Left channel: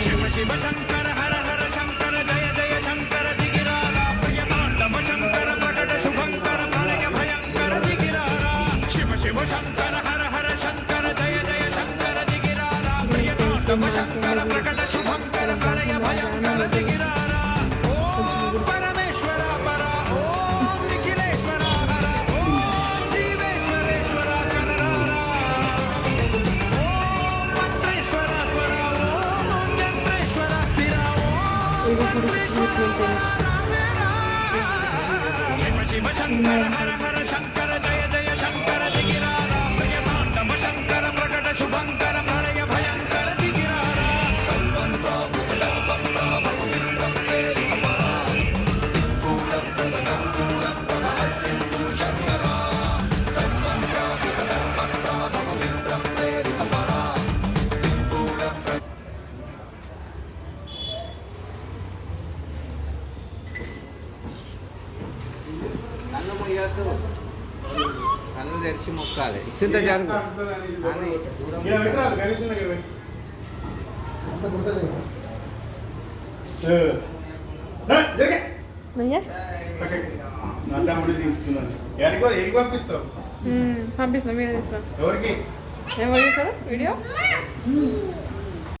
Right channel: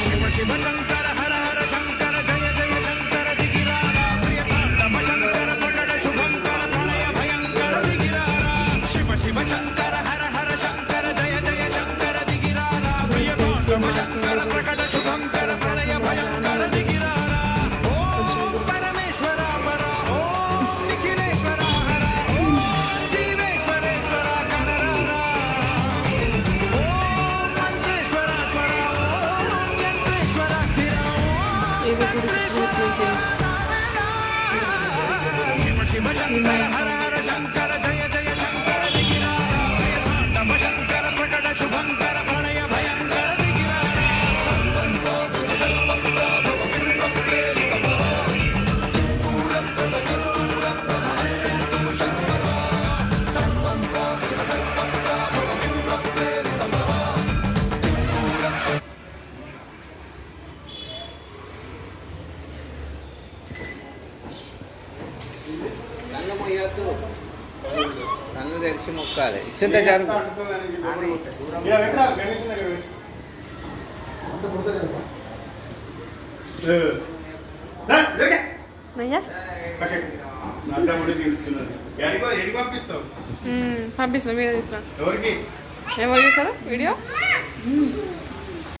శివ శివ శంకర హర హర శంకర జయ జయ శంకర దిగిరారా ప్రియతాండవ శంకర ప్రకట శుభంకర ప్రళయ భయంకర దిగిరారా శివ శివ శంకర హర హర శంకర జయ జయ శంకర దిగిరారా ప్రియతాండవ శంకర ప్రకట శుభంకర ప్రళయ భయంకర దిగిరారా ఓం పరమేశ్వర పర ఓం నిఖిలేశ్వర హర ఓం జీవేశ్వరేశ్వర కరరారా ఓం మంత్రేశ్వర స్వర ఓం యంత్రేశ్వర స్థిర ఇది కూడా ఫ్రెండ్స్. శివ శివ శంకర హర హర శంకర జయ జయ శంకర దిగిరారా ప్రియతాండవ శంకర ప్రకట శుభంకర ప్రళయ భయంకర దిగిరారా కళ్ళు మొయ్యొద్దు, కళ్ళు తెరిచి మొక్కాలి. ఇచ్చింటే జరుగు పంపిస్తాం వీడియో తీస్తాం. ఎవరికి ఏమో చేస్తారా వీడియో